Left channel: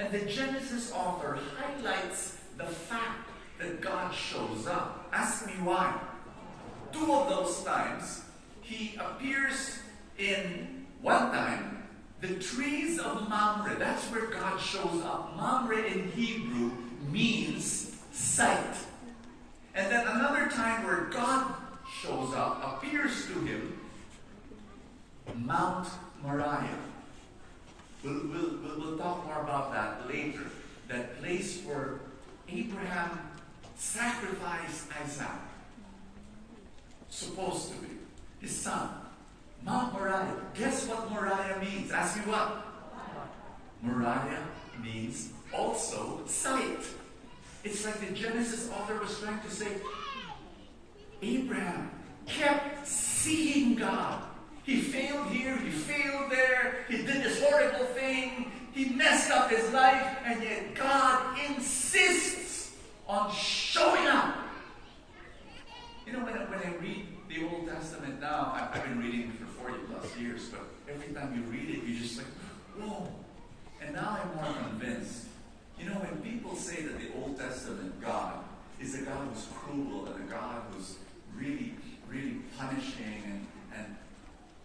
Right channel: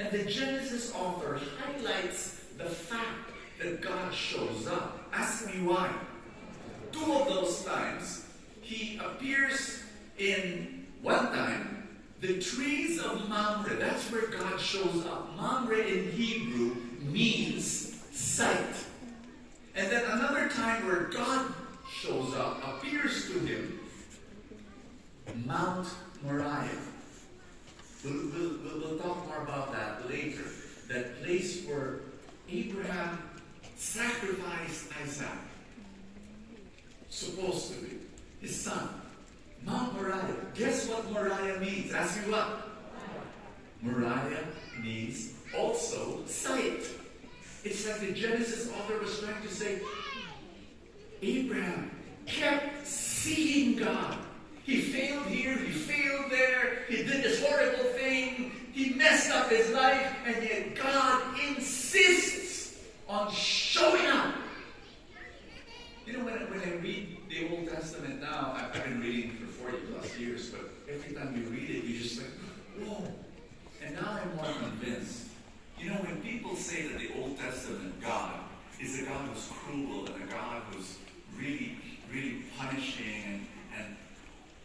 And the Genesis author highlights the fact that God shows up. Ask me why. 2 of those times, he appears in one time, the trees of Mamre. That's where God shows up. Mamre in Hebrew means sight. And then another time where God shows up, appears to him, Mount Moriah. We'll talk more about that later. That place where Abraham sacrificed Isaac. Supposed to be his son. Mount Moriah. Guess what Moriah means? Ask me what? Moriah means also sight. It's like the Genesis author was trying to say, Abraham kept seeing God. He failed here, he failed there, he did this horrible thing, he messed up his life, and yet God insists on showing up. You know, when I read the Old Testament now, I've been reading it for 40 plus years, but every time you read it, you're just like, whoa. And now I'm more convinced. You know, when people say that the Old Testament God is a God who's cruel and a God who's really, really punishing,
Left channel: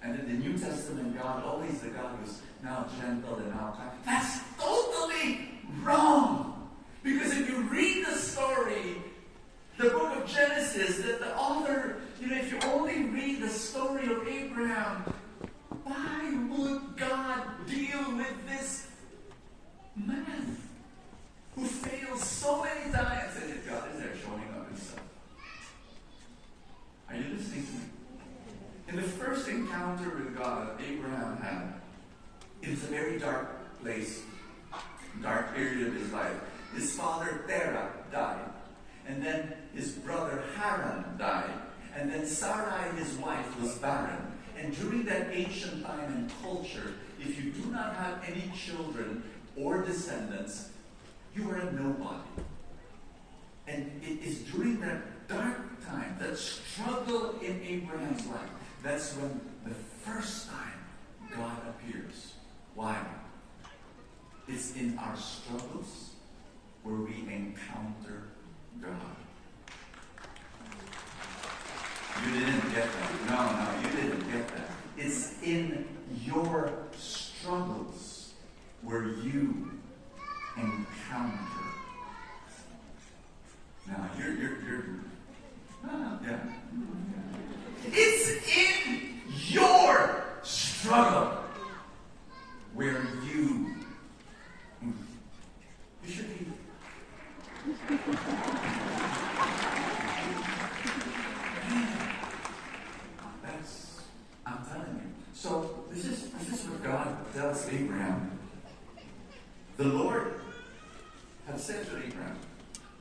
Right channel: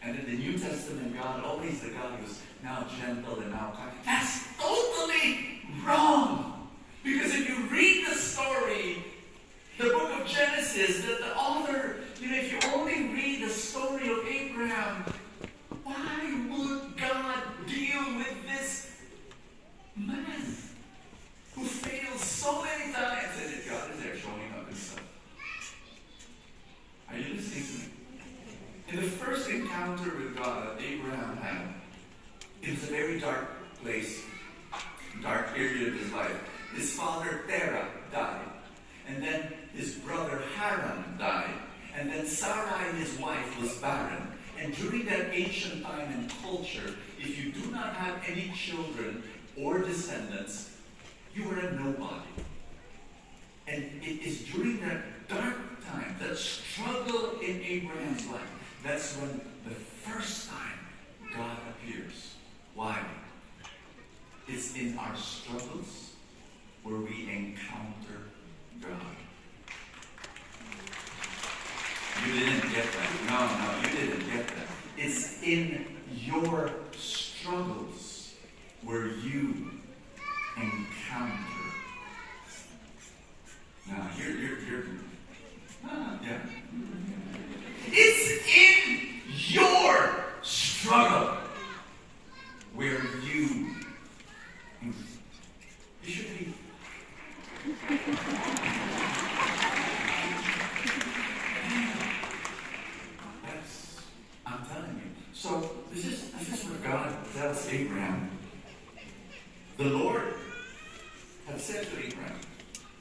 and in the New Testament God, always the God who's now gentle and now kind, that's totally wrong. Because if you read the story, the book of Genesis, that the author, you know, if you only read the story of Abraham, why would God deal with this man who fails so many times? And God is there showing up himself. Are you listening to me? In the first encounter with God that Abraham had, it was a very dark place, dark period of his life. His father Terah died, and then his brother Haran died, and then Sarai, his wife, was barren. And during that ancient time and culture, if you do not have any children or descendants, you are a nobody. And it is during that dark time, that struggle in Abraham's life, that's when the first time God appears. Why? It's in our struggles where we encounter God. You didn't get that. No, you didn't get that. It's in your struggles where you encounter. Now, yeah. It's in your struggle where you should be. I'm telling you. So this is what God tells Abraham. The Lord had said to Abraham,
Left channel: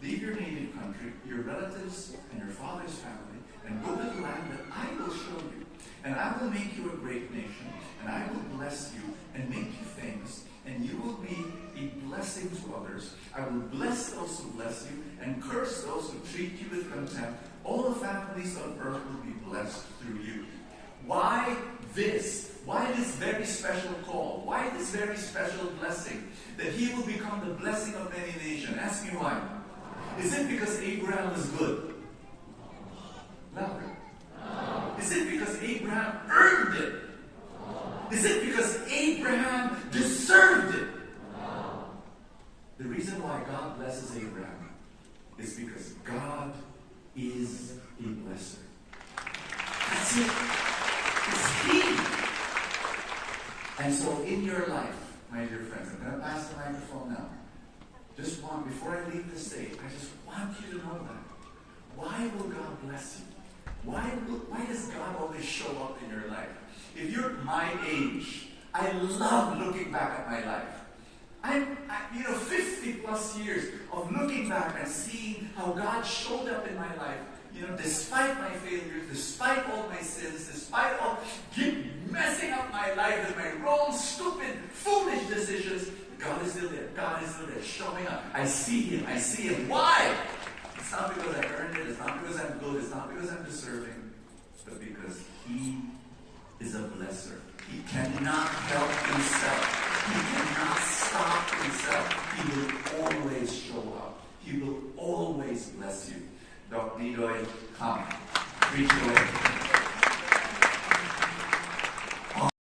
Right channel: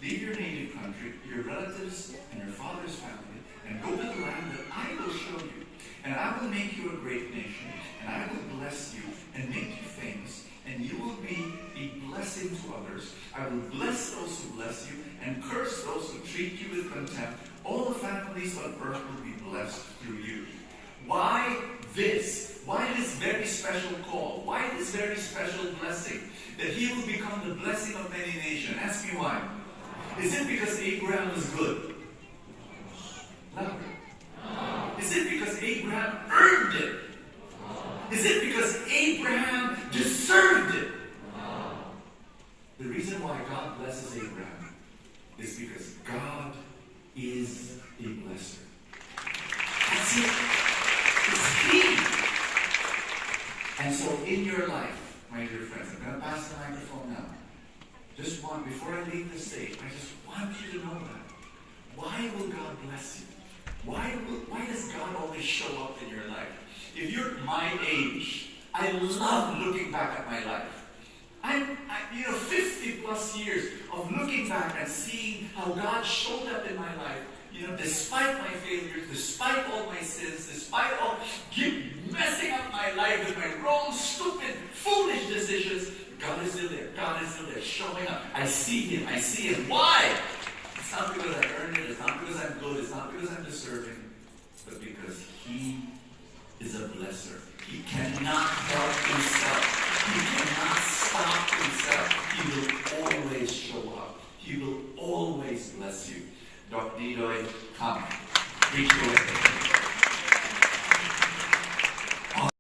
leave your native country, your relatives, and your father's family, and go to the land that I will show you. And I will make you a great nation, and I will bless you and make you famous, and you will be a blessing to others. I will bless those who bless you, and curse those who treat you with contempt. All the families on earth will be blessed through you. Why this? Why this very special call? Why this very special blessing? That he will become the blessing of many nations. Ask me why. Is it because Abraham was good? No. Is it because Abraham earned it? Is it because Abraham deserved it? The reason why God blesses Abraham is because God is a blesser. That's it. It's He. And so in your life, my dear friends, I'm going to pass the microphone now. Before I leave the stage, I just want you to know that. Why will God bless you? Why does God always show up in your life? If you're my age, I love looking back at my life. I'm 50 plus years of looking back and seeing how God showed up in my life. Despite my failures, despite all my sins, despite all messing up my life with my wrong, stupid, foolish decisions, God is still there. God is still there, showing up. I see Him. Why? It's not because I earned it. It's not because I'm good. It's not because I'm deserving. But because He is a blesser. He cannot help Himself. He cannot stop Himself. will always show up. He will always bless you. Dr. Didoy, come. Preach away.